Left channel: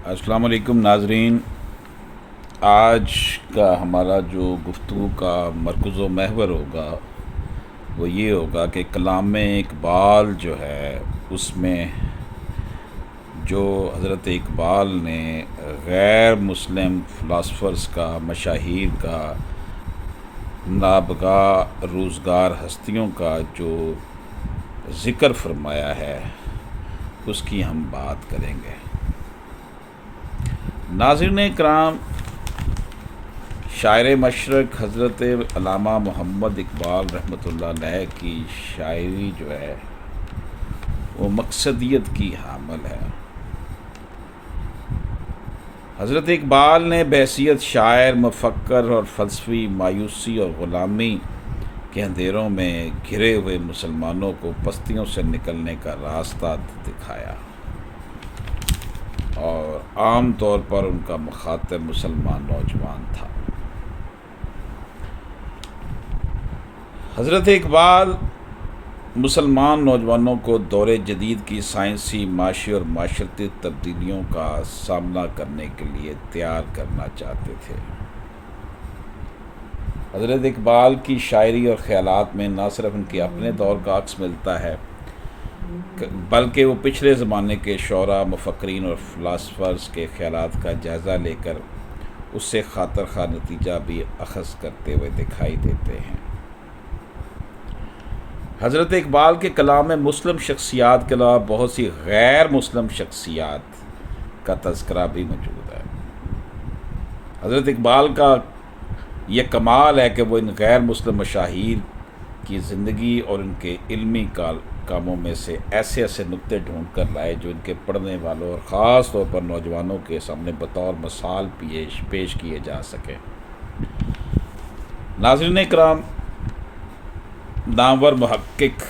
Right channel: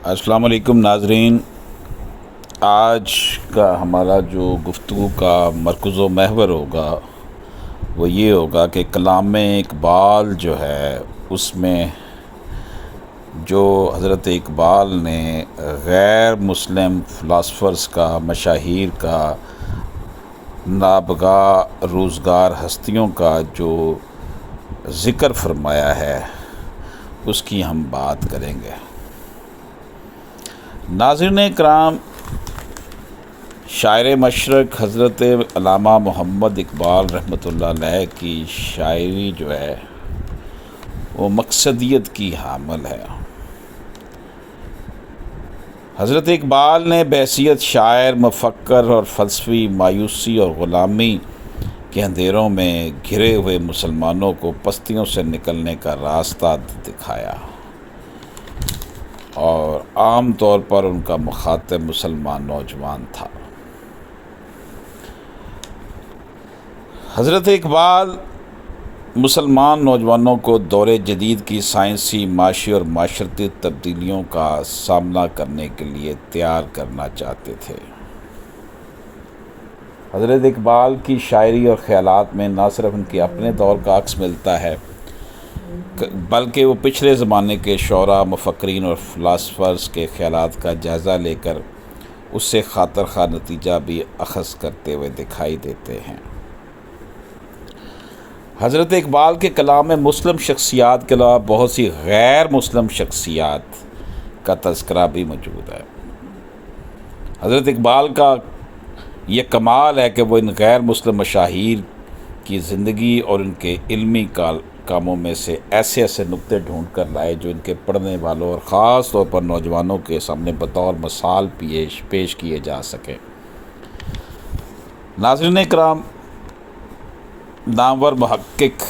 السلام علیکم ناظرین، آج کا ہمارا جو گفتگو کا مرکز و محور ہوگا وہ یہ ہوگا کہ کلام اقبال جو ہے اس میں جو حضرت اقبال نے غیر مسلم فلاسفرز کا، مشاہیر کا، نابغہ روزگار ہستیوں کا جو ذکر فرمایا ہے اس کی ہم بات کریں گے۔ ناظرین کرام، شاعر مشرق حضرت علامہ محمد اقبال رحمۃ اللہ علیہ کی شاعری جو ہے وہ مقصدیت کی حامل ہے۔ حضرت اقبال نے بحیثیت شاعر، مفکر اور فلسفی مایوسی اور غلامی کے اندھیروں میں گھرے ہوئے مسلمانوں کو پستیوں سے نکلنے کا راستہ دکھایا، اور عام طور پر ان کا مخاطب مسلمان نوجوان تھا۔ حضرت اقبال مسلمان نوجوانوں کو دور جدید کی سائنسی، معاشی اور معاشرتی تبدیلیوں کا سامنا کرنے کے لیے تیار کرنا چاہتے تھے۔ حضرت اقبال کی شاعری اور خیالات میں نہ صرف ان کے اپنے دور کا عکس ملتا ہے بلکہ وہ پچھلے زمانے کے شعراء، مفکرین اور فلاسفرز کے خیالات کا جائزہ لے کر اس سے خاطر خواہ نتیجہ بھی اخذ کرتے ہوئے دکھائی دیتے ہیں۔ حضرت اقبال کے کلام میں مسلم شخصیات کے علاوہ بہت سی غیر مسلم شخصیات کا تذکرہ بھی موجود ہے۔ حضرت اقبال کا یہ کمال ہے کہ وہ ان غیر مسلم مشاہیر کی زندگی اور ان کے علمی کاموں میں سے ایسے نقطے ڈھونڈ کر لائے جو ان کے پڑھنے والوں اور خاص طور پر نوجوانوں کے سامنے بطور مثال پیش کیے جا سکیں۔ ناظرین کرام، نامور محقق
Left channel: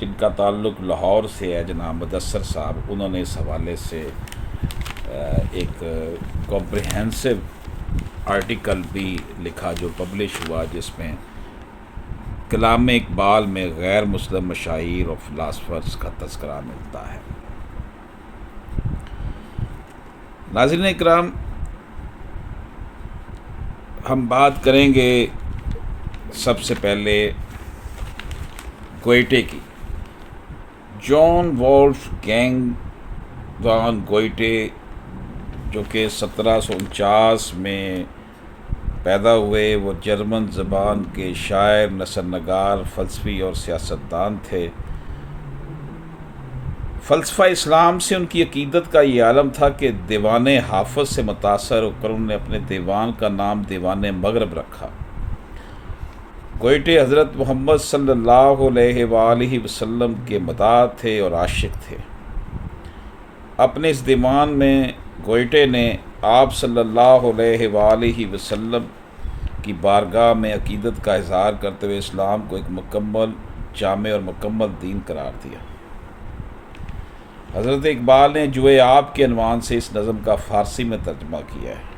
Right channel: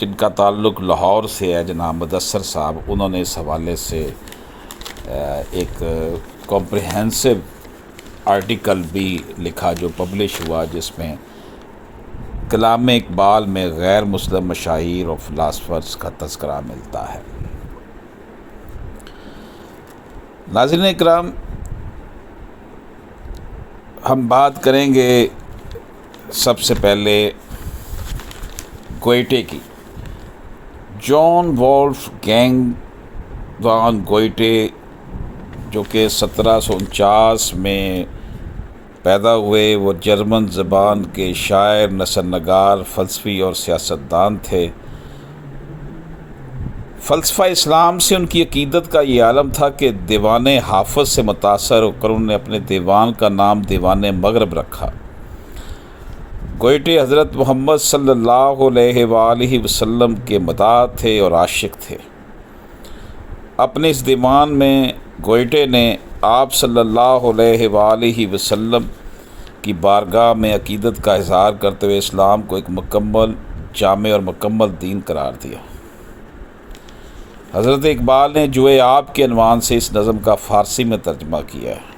جن کا تعلق لاہور سے ہے، جناب مدثر صاحب، انہوں نے اس حوالے سے ایک کمپریہنسو آرٹیکل بھی لکھا جو پبلش ہوا، جس میں کلام اقبال میں غیر مسلم مشاہیر اور فلاسفرز کا تذکرہ ملتا ہے۔ ناظرین اکرام، ہم بات کریں گے سب سے پہلے گوئٹے کی۔ جان وولف گینگ وان گوئٹے، جو کہ 1749 میں پیدا ہوئے، وہ جرمن زبان کے شاعر، نثر نگار، فلسفی اور سیاستدان تھے۔ فلسفہ اسلام سے ان کی عقیدت کا یہ عالم تھا کہ دیوان حافظ سے متاثر ہو کر انہوں نے اپنے دیوان کا نام دیوان مغرب رکھا۔ گوئٹے حضرت محمد صلی اللہ علیہ وآلہ وسلم کے مداح تھے اور عاشق تھے۔ اپنے اس دیوان میں گوئٹے نے آپ صلی اللہ علیہ وآلہ وسلم کی بارگاہ میں عقیدت کا اظہار کرتے ہوئے اسلام کو ایک مکمل، جامع اور مکمل دین قرار دیا۔ حضرت اقبال نے جوئے آپ کے عنوان سے اس نظم کا فارسی میں ترجمہ کیا ہے۔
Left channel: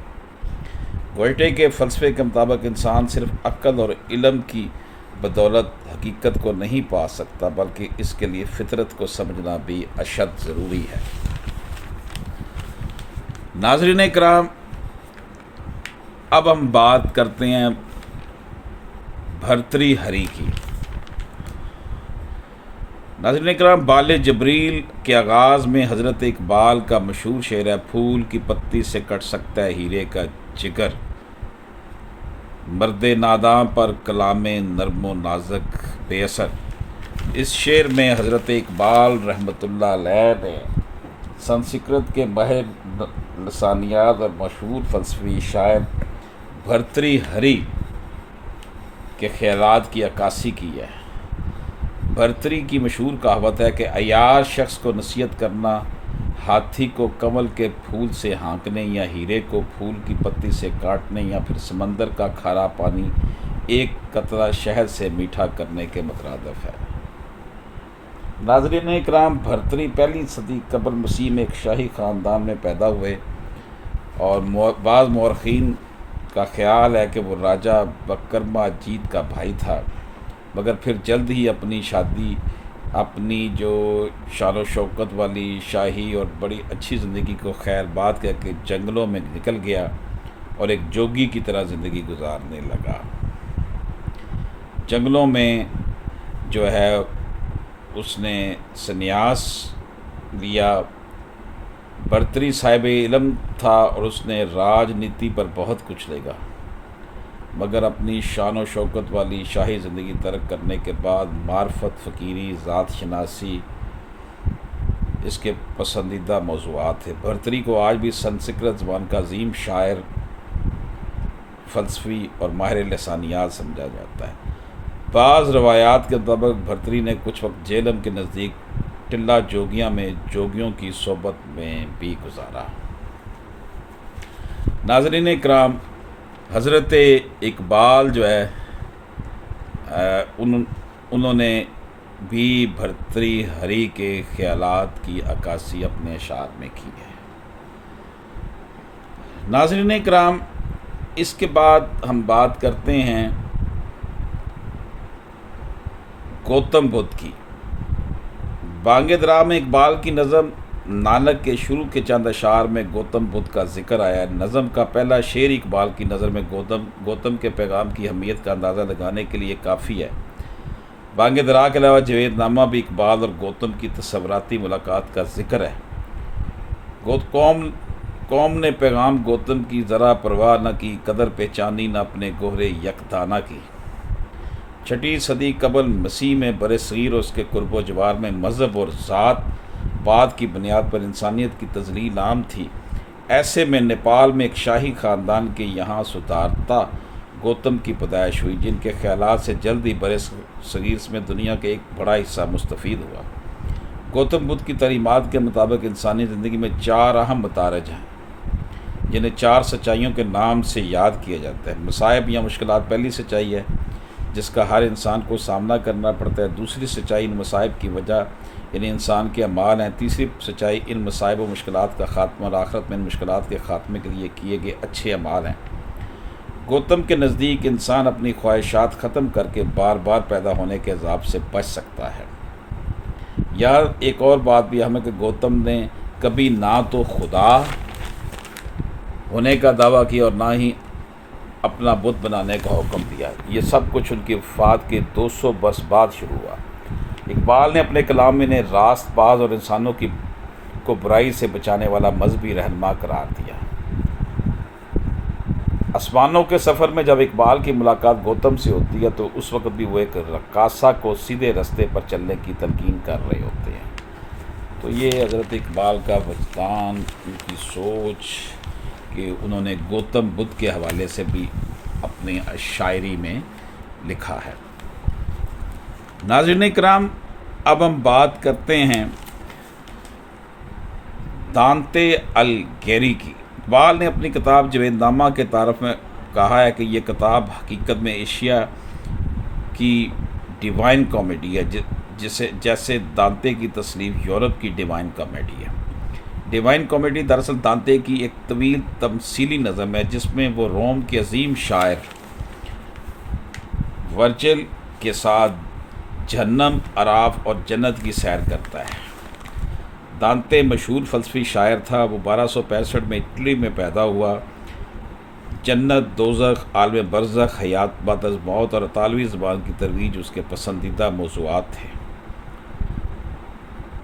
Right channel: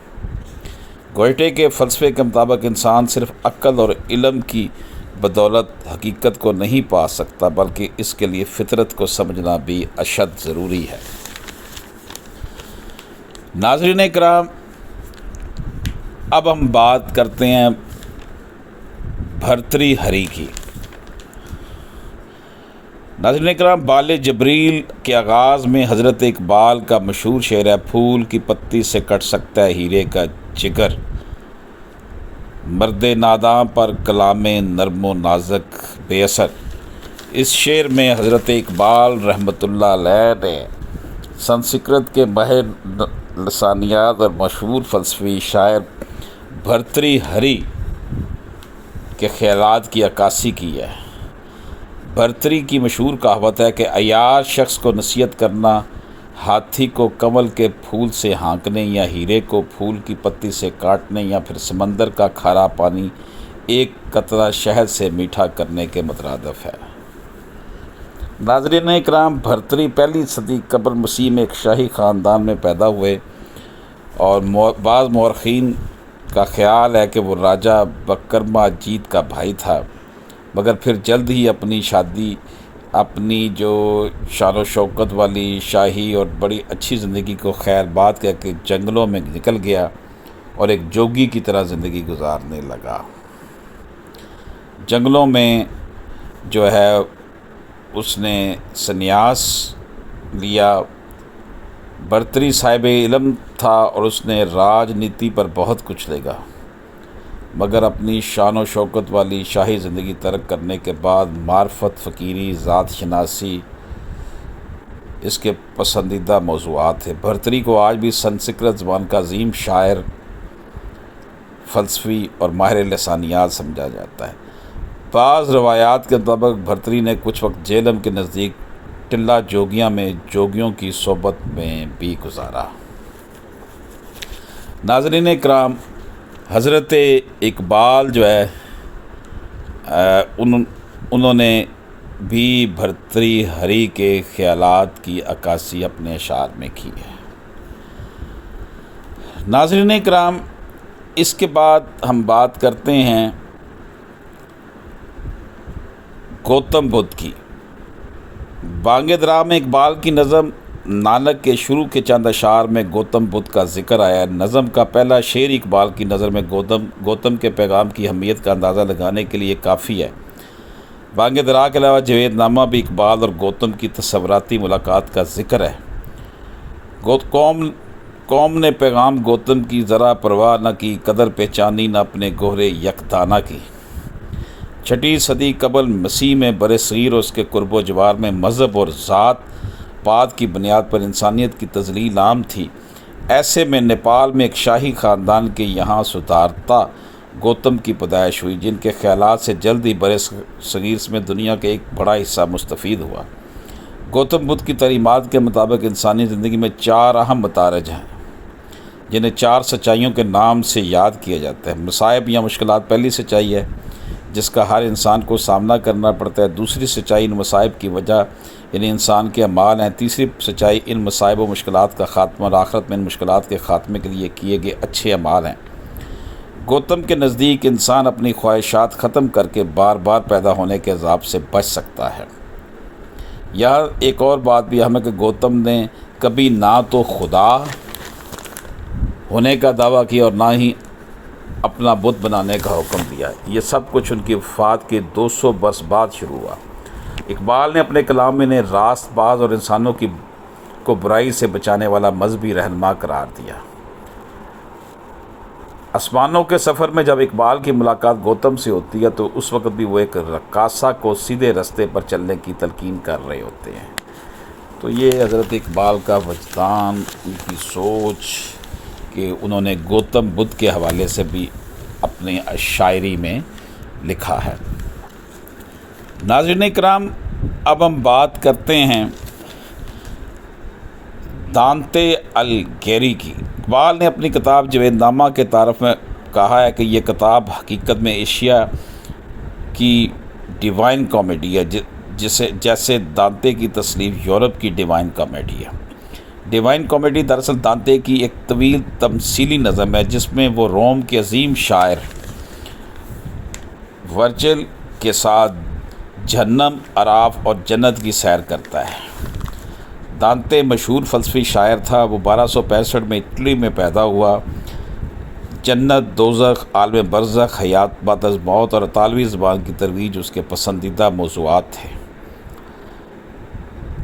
گوئٹے کے فلسفے کے مطابق انسان صرف عقل اور علم کی بدولت حقیقت کو نہیں پا سکتا، بلکہ اس کے لیے فطرت کو سمجھنا بھی اشد ضروری ہے۔ ناظرین کرام، اب ہم بات کرتے ہیں بھرتری ہری کی۔ ناظرین کرام، بال جبریل کے آغاز میں حضرت اقبال کا مشہور شعر ہے: پھول کی پتی سے کٹ سکتا ہے ہیرے کا جگر، مرد ناداں پر کلام نرم و نازک بے اثر۔ اس شعر میں حضرت اقبال رحمۃ اللہ علیہ نے سنسکرت کے ماہر لسانیات اور مشہور فلسفی شاعر بھرتری ہری کے خیالات کی عکاسی کی ہے۔ بھرتری کی مشہور کہاوت ہے کہ عیار شخص کو نصیحت کرنا ہاتھی کو کنول کے پھول سے ہانکنے، یا ہیرے کو پھول کی پتی سے کاٹنے، یا پھر سمندر کا کھارا پانی ایک قطرہ شہد سے میٹھا کرنے کے مترادف ہے۔ ناظرین اکرام، بھرتری پہلی صدی قبل مسیح میں ایک شاہی خاندان میں پیدا ہوئے، اور بعض مورخین کا خیال ہے کہ وہ راجہ بکرما جیت کا بھائی تھا، مگر پھر جلد ہی اپنی شادی اپنی جو شان و شوکت والی شاہی اور بڑی اچھی زندگی کو خیر بات کہہ کے جنگلوں میں نکل گیا اور ایک جوگی کی طرح زندگی گزارنے لگا۔ جنگلوں میں جو ہے اس نے سنیاس لیا، برتری صاحب علم تھا اور اس نے راجنیتی پر بہت کچھ لکھا، مگر اپنی شان و شوکت والی شاہی زندگی ترک کرنے کے بعد معرفت، فقیری، ذات شناسی اس کے پسندیدہ موضوعات تھے۔ بھرتری کو آج بھی سنسکرت زبان کا عظیم شاعر، فلسفی اور ماہر لسانیات سمجھا جاتا ہے۔ بعض روایات کے مطابق بھرتری نے کچھ وقت جہلم کے نزدیک ٹلہ جوگیاں میں جوگیوں کی صحبت میں بھی گزارا۔ ناظرین کرام، حضرت اقبال جو ہے انہوں نے بھی بھرتری ہری کے خیالات کی عکاسی اپنے اشعار میں کی ہے۔ ناظرین کرام، اس کے بعد ہم بات کرتے ہیں گوتم بدھ کی۔ بانگ درا میں اقبال کی نظم نانک کے شروع کے چند اشعار میں گوتم بدھ کا ذکر آیا۔ نظم کا پہلا شعر اقبال کی نظر میں گوتم کے پیغام کی اہمیت کا اندازہ لگانے کے لیے کافی ہے۔ بانگ درا کے علاوہ جاوید نامہ بھی اقبال اور گوتم کی تصوراتی ملاقات کا ذکر ہے۔ قوم نے پیغام گوتم کی ذرا پرواہ نہ کی، قدر پہچانی نہ اپنے گہرے یکدانہ کی۔ 6 صدی قبل مسیح میں برصغیر اور اس کے قرب و جوار میں مذہب اور ذات پات کی بنیاد پر انسانیت کی تذلیل عام تھی۔ ایسے میں نیپال میں ایک شاہی خاندان کے یہاں سدھارتا گوتم کی پیدائش ہوئی، جن کے خیالات سے جلد ہی برصغیر میں دنیا کے ایک بڑا حصہ مستفید ہوا۔ گوتم بدھ کی تعلیمات کے مطابق انسانی زندگی میں 4 اہم متارج ہیں، جنہیں 4 سچائیوں کے نام سے یاد کیا جاتا ہے۔ مصائب یا مشکلات پہلی سچائی ہے، جس کا ہر انسان کو سامنا کرنا پڑتا ہے۔ دوسری سچائی ان مصائب کی وجہ یعنی انسان کے اعمال ہیں۔ تیسری سچائی ان مصائب و مشکلات کا خاتمہ اور آخرت میں ان مشکلات کے خاتمے کے لیے کیے گئے اچھے اعمال ہیں۔ گوتم کے نزدیک انسان اپنی خواہشات ختم کر کے بار بار پیدا ہونے کے عذاب سے بچ سکتا ہے۔ یہاں ایک اور بات بھی ہمیں کہ گوتم نے کبھی نہ تو خدا ہونے کا دعویٰ کیا اور نہ ہی اپنا بت بنانے کا حکم دیا۔ یہ سب کچھ ان کی وفات کے 200 برس بعد شروع ہوا۔ اقبال نے اپنے کلام میں انہیں راست باز اور انسانوں کو برائی سے بچانے والا مذہبی رہنما قرار دیا۔ آسمانوں کے سفر میں جب اقبال کی ملاقات گوتم سے ہوتی ہے تو اس وقت بھی وہ ایک رقاصہ کو سیدھے رستے پر چلنے کی تلقین کر رہے ہوتے ہیں۔ تو یہ حضرت اقبال کا وجدان، ان کی سوچ کہ انہوں نے گوتم بدھ کے حوالے سے بھی اپنے شاعری میں لکھا ہے۔ ناظرین کرام، اب ہم بات کرتے ہیں دانتے الگیری کی۔ اقبال نے اپنی کتاب جاوید نامہ کے تعارف میں کہا ہے کہ یہ کتاب حقیقت میں ایشیا کی ڈیوائن کامیڈی ہے، جیسے دانتے کی تصنیف یورپ کی ڈیوائن کامیڈی ہے۔ ڈیوائن کامیڈی دراصل دانتے کی ایک طویل تمثیلی نظم ہے، جس میں وہ روم کے عظیم شاعر ورجل کے ساتھ جہنم، عراف اور جنت کی سیر کرتا ہے۔ دانتے مشہور فلسفی شاعر تھا۔ وہ 1265 میں اٹلی میں پیدا ہوا۔ جنت، دوزخ، عالم برزخ، حیات بعد از موت اور اطالوی زبان کی ترویج اس کے پسندیدہ موضوعات تھے۔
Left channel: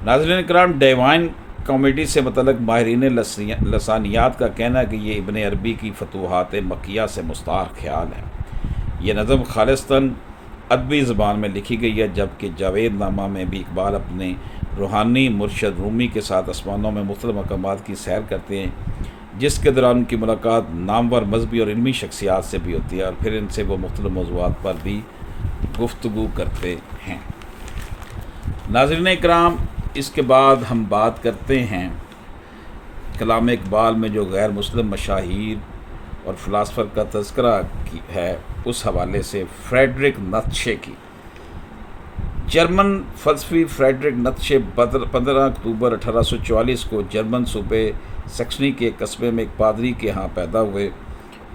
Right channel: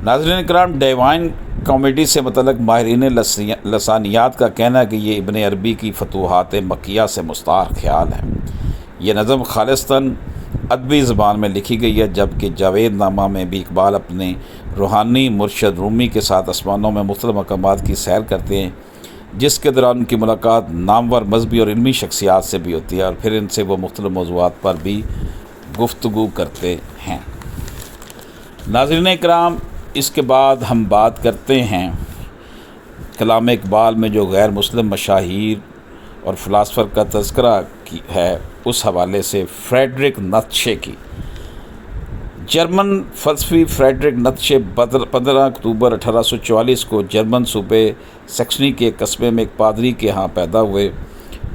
ناظرین کرام، ڈیوائن کامیڈی سے متعلق ماہرین لسانیات کا کہنا ہے کہ یہ ابن عربی کی فتوحات مکیہ سے مستعار خیال ہے۔ یہ نظم خالصتاً ادبی زبان میں لکھی گئی ہے، جبکہ جاوید نامہ میں بھی اقبال اپنے روحانی مرشد رومی کے ساتھ آسمانوں میں مختلف مقامات کی سیر کرتے ہیں، جس کے دوران ان کی ملاقات نامور مذہبی اور علمی شخصیات سے بھی ہوتی ہے اور پھر ان سے وہ مختلف موضوعات پر بھی گفتگو کرتے ہیں۔ ناظرین کرام، اس کے بعد ہم بات کرتے ہیں کلام اقبال میں جو غیر مسلم مشاہیر اور فلاسفر کا تذکرہ ہے، اس حوالے سے فریڈرک نیتشے کی۔ جرمن فلسفی فریڈرک نیتشے 15 اکتوبر 1844 کو جرمن صوبے سیکسنی کے قصبے میں ایک پادری کے ہاں پیدا ہوئے۔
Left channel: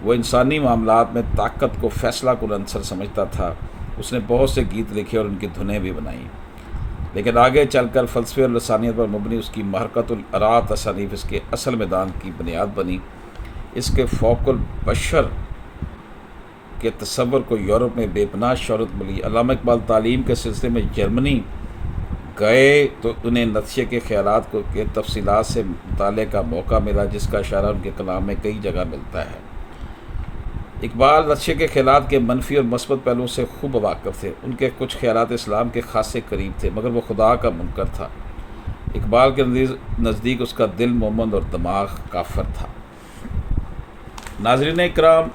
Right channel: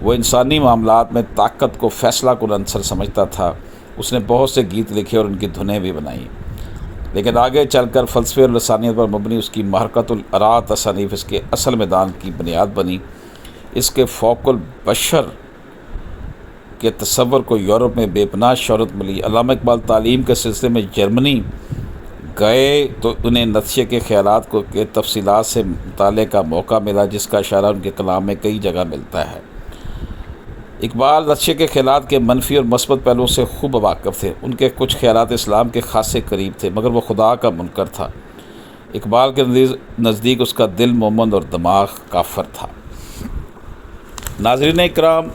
وہ انسانی معاملات میں طاقت کو فیصلہ کن عنصر سمجھتا تھا۔ اس نے بہت سے گیت لکھے اور ان کی دھنیں بھی بنائیں۔ لیکن آگے چل کر فلسفے اور لسانیت پر مبنی اس کی محرکۃ الارا تصانیف اس کے اصل میدان کی بنیاد بنی۔ اس کے فوق البشر کے تصور کو یورپ میں بے پناہ شہرت ملی۔ علامہ اقبال تعلیم کے سلسلے میں جرمنی گئے تو انہیں نتیجے کے خیالات کو کے تفصیلات سے مطالعے کا موقع ملا، جس کا اشارہ ان کے کلام میں کئی جگہ ملتا ہے۔ اقبال نتیجے کے خیالات کے منفی اور مثبت پہلوؤں سے خوب واقف تھے۔ ان کے کچھ خیالات اسلام کے خاصے قریب تھے، مگر وہ خدا کا منکر تھا۔ اقبال کے نزدیک اس کا دل مومن اور دماغ کافر تھا۔ ناظرین اکرام،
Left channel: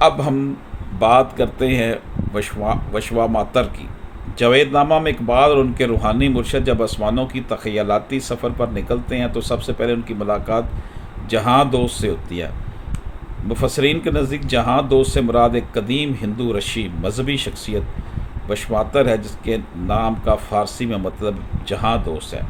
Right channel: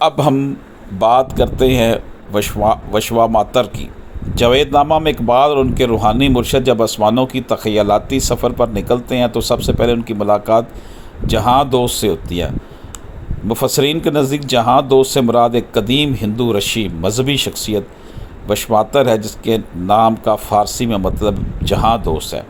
اب ہم بات کرتے ہیں وشوا ماتر کی۔ جاوید نامہ میں اقبال اور ان کے روحانی مرشد جب آسمانوں کی تخیلاتی سفر پر نکلتے ہیں تو سب سے پہلے ان کی ملاقات جہاں دوست سے ہوتی ہے۔ مفسرین کے نزدیک جہاں دوست سے مراد ایک قدیم ہندو رشی مذہبی شخصیت وشواتر ہے، جس کے نام کا فارسی میں مطلب جہاں دوست ہے۔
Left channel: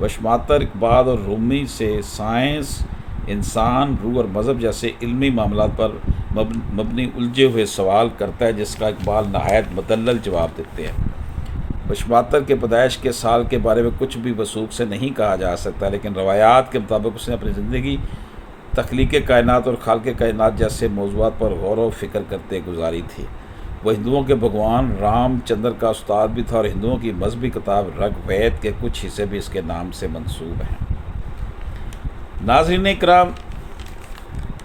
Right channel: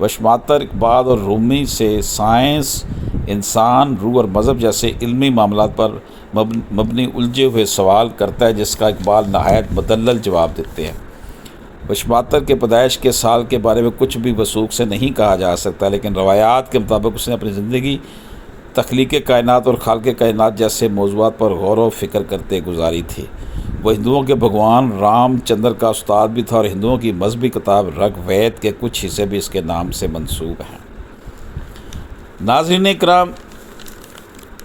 وشواتر اقبال اور رومی سے سائنس، انسان، روح اور مذہب جیسے علمی معاملات پر مبنی الجھے ہوئے سوال کرتا ہے، جس کا اقبال نہایت مدلل جواب دیتے ہیں۔ وشواتر کے پیدائش کے سال کے بارے میں کچھ بھی وثوق سے نہیں کہا جا سکتا، لیکن روایات کے مطابق اس نے اپنی زندگی تخلیق کائنات اور خالق کائنات جیسے موضوعات پر غور و فکر کرتے گزاری تھی۔ وہ ہندوؤں کے بھگوان رام چندر کا استاد بھی تھا اور ہندوؤں کی مذہبی کتاب رگ وید کے کچھ حصے بھی اس کے نام سے منسوب ہیں۔ ناظرین اکرام،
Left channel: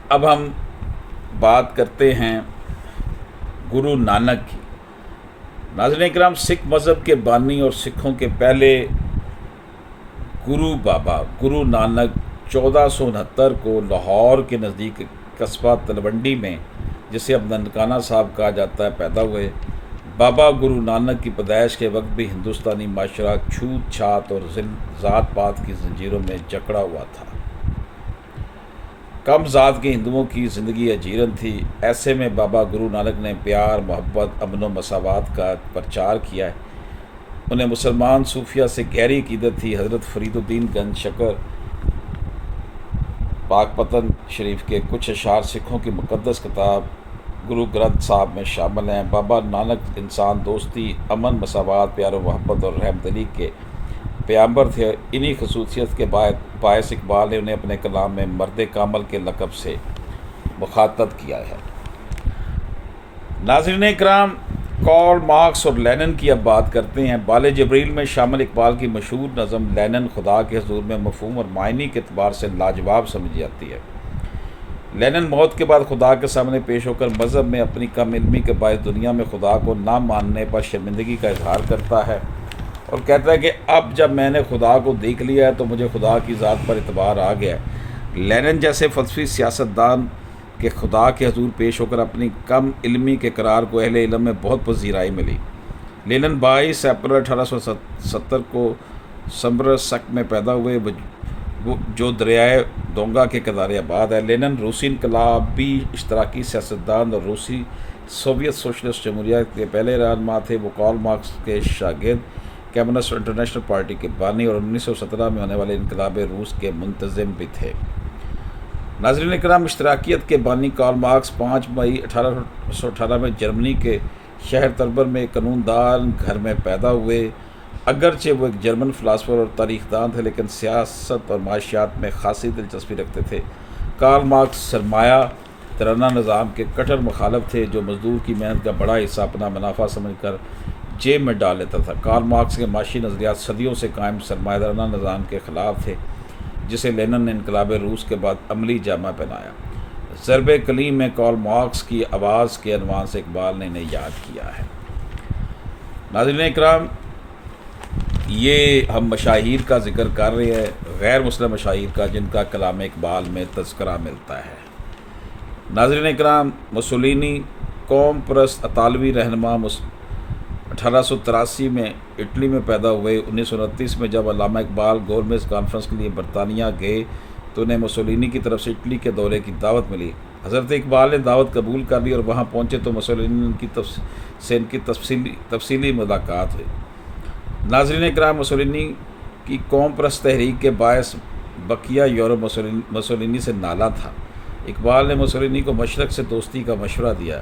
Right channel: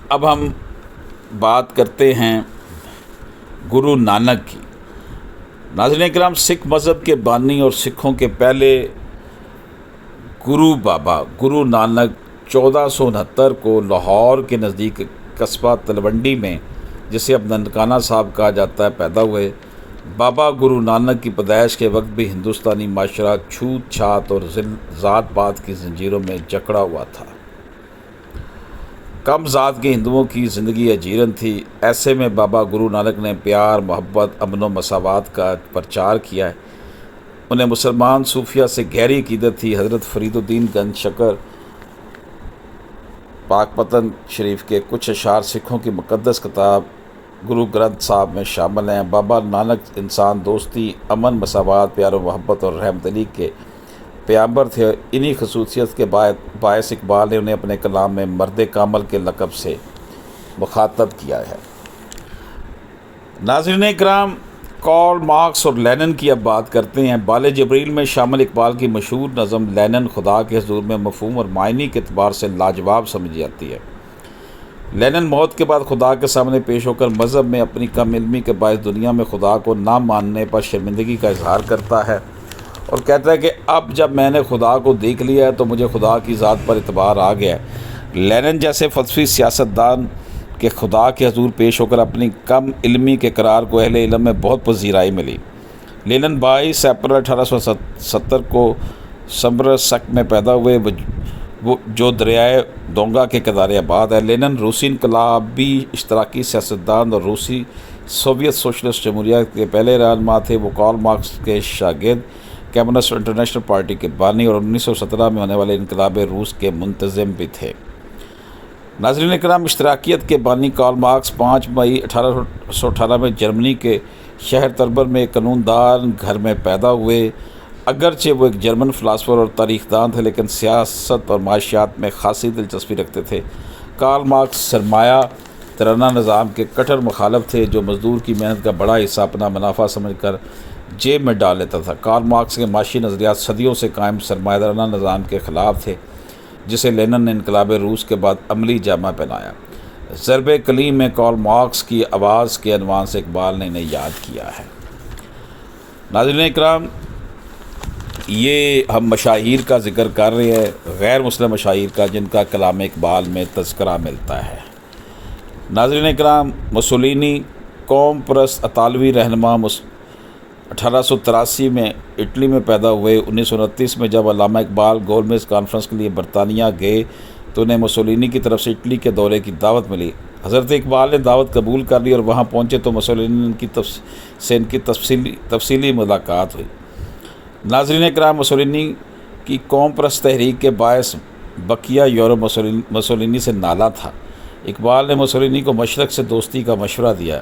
اب ہم بات کرتے ہیں گرو نانک کی۔ ناظرین اکرام، سکھ مذہب کے بانی اور سکھوں کے پہلے گرو بابا گرو نانک 1469 کو لاہور کے نزدیک قصبہ تلونڈی میں، جسے اب ننکانہ صاحب کہا جاتا ہے، پیدا ہوئے۔ بابا گرو نانک کی پیدائش کے وقت بھی ہندوستانی معاشرہ چھوت چھات اور ذات پات کی زنجیروں میں جکڑا ہوا تھا۔ کم ذات کے ہندوؤں کی زندگی اجیرن تھی۔ ایسے میں بابا گرو نانک نے پیار، محبت، امن و مساوات کا پرچار کیا ہے۔ انہیں مسلمان صوفیہ سے گہری عقیدت تھی۔ حضرت فرید الدین گنج شکر پاک پتن شریف کے کچھ اشعار سکھوں کی مقدس کتاب گرو گرنتھ صاحب میں شامل ہیں۔ بابا نانک انسان دوستی، امن، مساوات، پیار و محبت اور رحمت دلی کے پیامبر تھے۔ انہی خصوصیت کے باعث اقبال نے انہیں اپنے کلام میں مرد کامل کے لقب سے مخاطب کیا ہے۔ ناظرین اکرام، کارل مارکس اور لینن کی اب بات کرتے ہیں۔ بال جبریل میں شامل اقبال کی مشہور نظم لینن خدا کے حضور میں مفہوم اور معنی کے اعتبار سے لاجواب سمجھی جاتی ہے۔ لینن موت کے بعد خدا کے سامنے پیش ہو کر مذہب میں اپنی کم علمی کے باعث دنیا میں خدا کو نہ ماننے پر شرمندگی کا اظہار کرتا ہے اور کہتا ہے کہ اب جب میں نے خدا کو دیکھ لیا ہے تو مجھے خدا کی ذات پر اعتبار آ گیا ہے۔ لینن جیسے فلسفی سیاستدان کے خدا کے حضور پیش ہو کر اپنی کم علمی کے قرار کو اہل علم میں بہت پذیرائی ملی۔ لینن 22 اپریل 1870 کو سمرسک میں پیدا ہوئے، جو دریائے دونگا کے کنارے آباد ہے۔ لینن روسی انقلابی اشتراکی سیاستدان اور روسی سوویت سوشلسٹ جمہوریہ کے پہلے رہنما تھے۔ وہ کارل مارکس کے شاگرد، کمیونسٹ انٹرنیشنل پارٹی کے بانی اور 1917 میں ہونے والے انقلاب روس کے منتظم بھی تھے۔ ناظرین اکرام، اشتراکیت کے بانی کارل مارکس 5 مئی 1818 میں جرمنی کے شہر تربر میں ایک قانون دان گھر میں پیدا ہوئے۔ اگرچہ وہ ایک جرمن فلاسفر اور تاریخ دان تھے، لیکن سیاست اور معاشیات میں خاصی دلچسپی رکھتے تھے۔ کارل مارکس سرمایہ ترانہ نظام کے کٹر مخالف تھے، جو مزدور کی محنت کا بڑا حصہ اپنا منافع سمجھ کر جیب میں ڈال لیتا تھا۔ کارل مارکس کے معاشی نظریات صدیوں سے قائم سرمایہ دارانہ نظام کے خلاف تھے، جسے لینن نے انقلاب روس کے بعد عملی جامہ پہنایا۔ ضرب کلیم میں کارل مارکس کی آواز کے عنوان سے اقبال نے انہیں یاد کیا ہے۔ ناظرین اکرام، یہ ہم مشاہیر کا ذکر کر رہے ہیں، غیر مسلم مشاہیر کا، جن کا کلام اقبال میں تذکرہ ملتا ہے۔ ناظرین اکرام، مسولینی قوم پرست اطالوی رہنما 1883 میں اٹلی میں پیدا ہوئے۔ 1929 میں جب علامہ اقبال گولمیز کانفرنس کے لیے برطانیہ گئے تو انہیں مسولینی کی طرف سے اٹلی کے دورے کی دعوت ملی۔ حضرت اقبال نے دعوت قبول کر لی اور وہاں پہنچے تو مسولینی سے ان کی تفصیلی ملاقات ہوئی۔ ناظرین اکرام، مسولینی کی قوم پرست تحریک کے باعث بقیہ یورپ مسولینی سے نالا تھا۔ اقبال نے مسولینی کو مشرق سے دوستی کا مشورہ دیا۔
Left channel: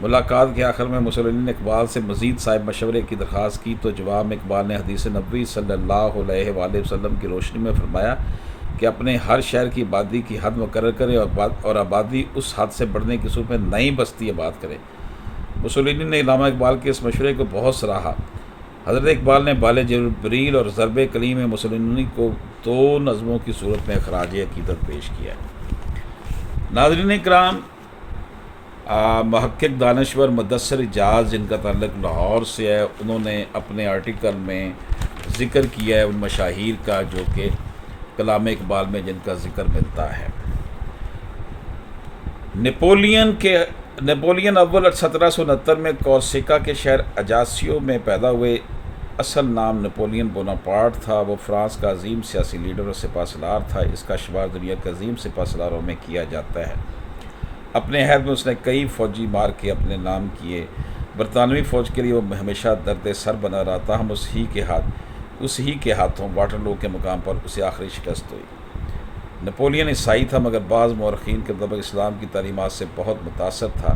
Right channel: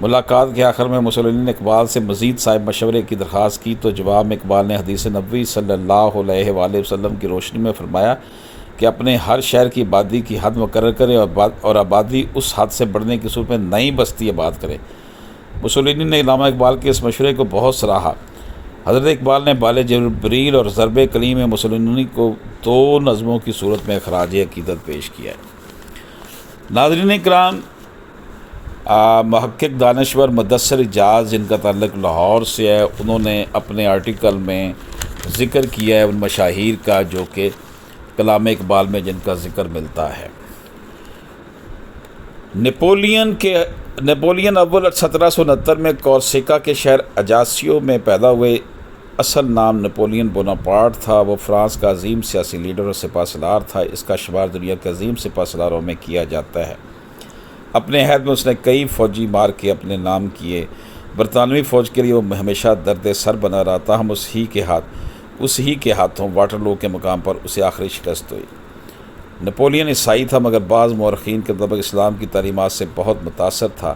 ملاقات کے آخر میں مسولینی نے اقبال سے مزید صاحب مشورے کی درخواست کی تو جواب میں اقبال نے حدیث نبوی صلی اللہ علیہ وآلہ وسلم کی روشنی میں فرمایا کہ اپنے ہر شہر کی آبادی کی حد مقرر کرے اور آبادی اس حد سے بڑھنے کی صورت میں نئی بستی آباد کرے۔ مسولینی نے علامہ اقبال کے اس مشورے کو بہت سراہا۔ حضرت اقبال نے بال جبریل اور ضرب کلیم مسولینی کو 2 نظموں کی صورت میں خراج عقیدت پیش کیا ہے۔ ناظرین کرام، محقق دانشور مدثر اجاز جن کا تعلق لاہور سے ہے، انہوں نے اپنے آرٹیکل میں ذکر کیا ہے ان مشاہیر کا جو کہ کلام اقبال میں جن کا ذکر ملتا ہے۔ نیپولین اول 1769 میں کورسیکا کے شہر اجاسیو میں پیدا ہوئے۔ اصل نام نیپولین بوناپارٹ تھا۔ وہ فرانس کا عظیم سیاسی لیڈر اور سپہ سالار تھا۔ اس کا شمار دنیا کے عظیم سپہ سالاروں میں کیا جاتا ہے۔ اپنے عہد میں اس نے کئی فوجی مارکے اپنے نام کیے۔ برطانوی فوج کے لیے وہ ہمیشہ درد سر بنا رہا تھا۔ ہم اس ہی کے ہاتھوں واٹرلو کے مقام پر اسے آخری شکست ہوئی۔ نیپولین عیسائی تھا مگر بعض مورخین کے مطابق اسلام کی تعلیمات سے بہت متاثر تھا۔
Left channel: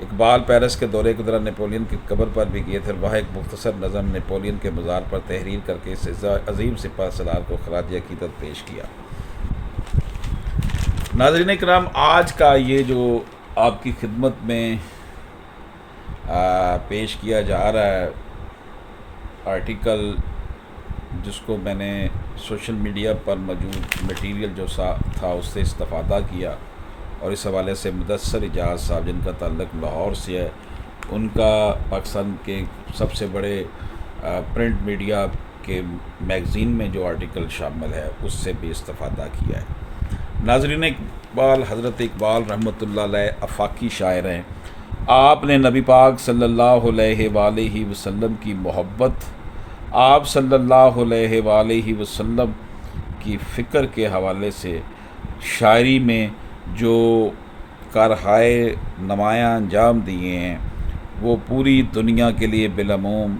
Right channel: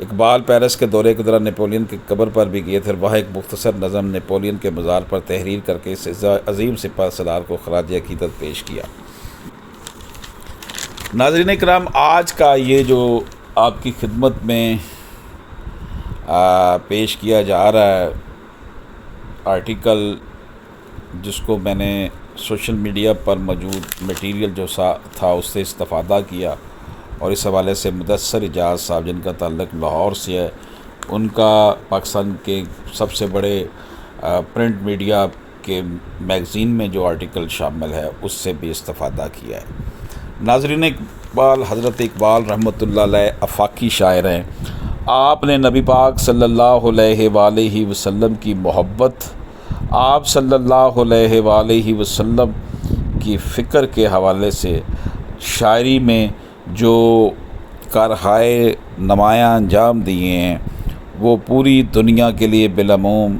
اقبال پیرس کے دورے کے دوران نیپولین کی قبر پر بھی گئے تھے اور وہاں ایک مختصر نظم نیپولین کے مزار پر تحریر کر کے اس عظیم سپہ سالار کو خراج عقیدت پیش کیا۔ ناظرین کرام، آج کا یہ جو آپ کی خدمت میں پیش کیا جا رہا ہے آرٹیکل، جس کو میں نے سوشل میڈیا پر موجود میٹیریل جو تھا اس سے استفادہ کیا، اور اس حوالے سے مدثر اجاز صاحب جن کا تعلق لاہور سے ہے، ان کا پاکستان کے سب سے بڑے پرنٹ میڈیا کے میگزین میں جو آرٹیکل شامل ہے اس سے بھی استفادہ کیا ہے۔ ناظرین، اقبال حضرت اقبال رحمۃ اللہ علیہ آفاقی شاعر ہیں۔ آپ نے نبی پاک صلی اللہ علیہ وآلہ وسلم کی محبت، آپ صلی اللہ علیہ وآلہ وسلم کی فکر کے حوالے سے شاعری میں جو کارہائے نمایاں انجام دیے ہیں، وہ پوری دنیا کے لیے بالعموم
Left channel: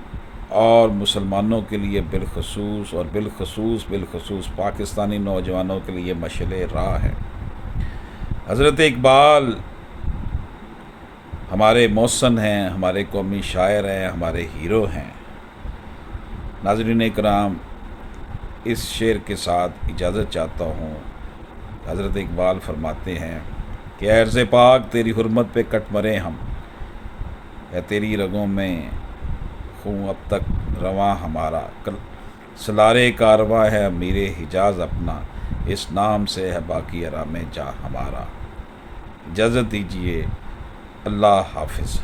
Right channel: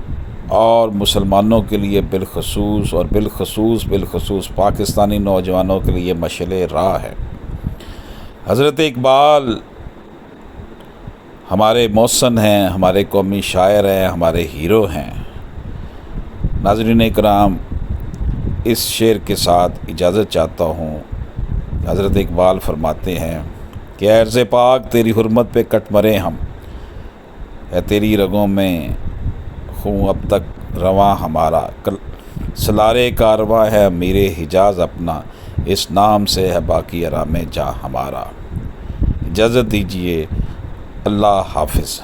اور مسلمانوں کے لیے بالخصوص پاکستانی نوجوانوں کے لیے مشعل راہ ہے۔ حضرت اقبال ہمارے محسن ہیں، ہمارے قومی شاعر ہیں، ہمارے ہیرو ہیں۔ ناظرین اکرام، اس شعر کے ساتھ اجازت چاہتا ہوں۔ حضرت اقبال فرماتے ہیں کہ اے عرض پاک تیری حرمت پہ کٹ مرے ہم، ہے تیری رگوں میں خون اب تک رواں ہمارا، سلارے کارواں ہے امیر حجاز اپنا، اس نام سے ہے باقی آرام جاں ہمارا۔ اجازت دیجیے، اللہ حافظ۔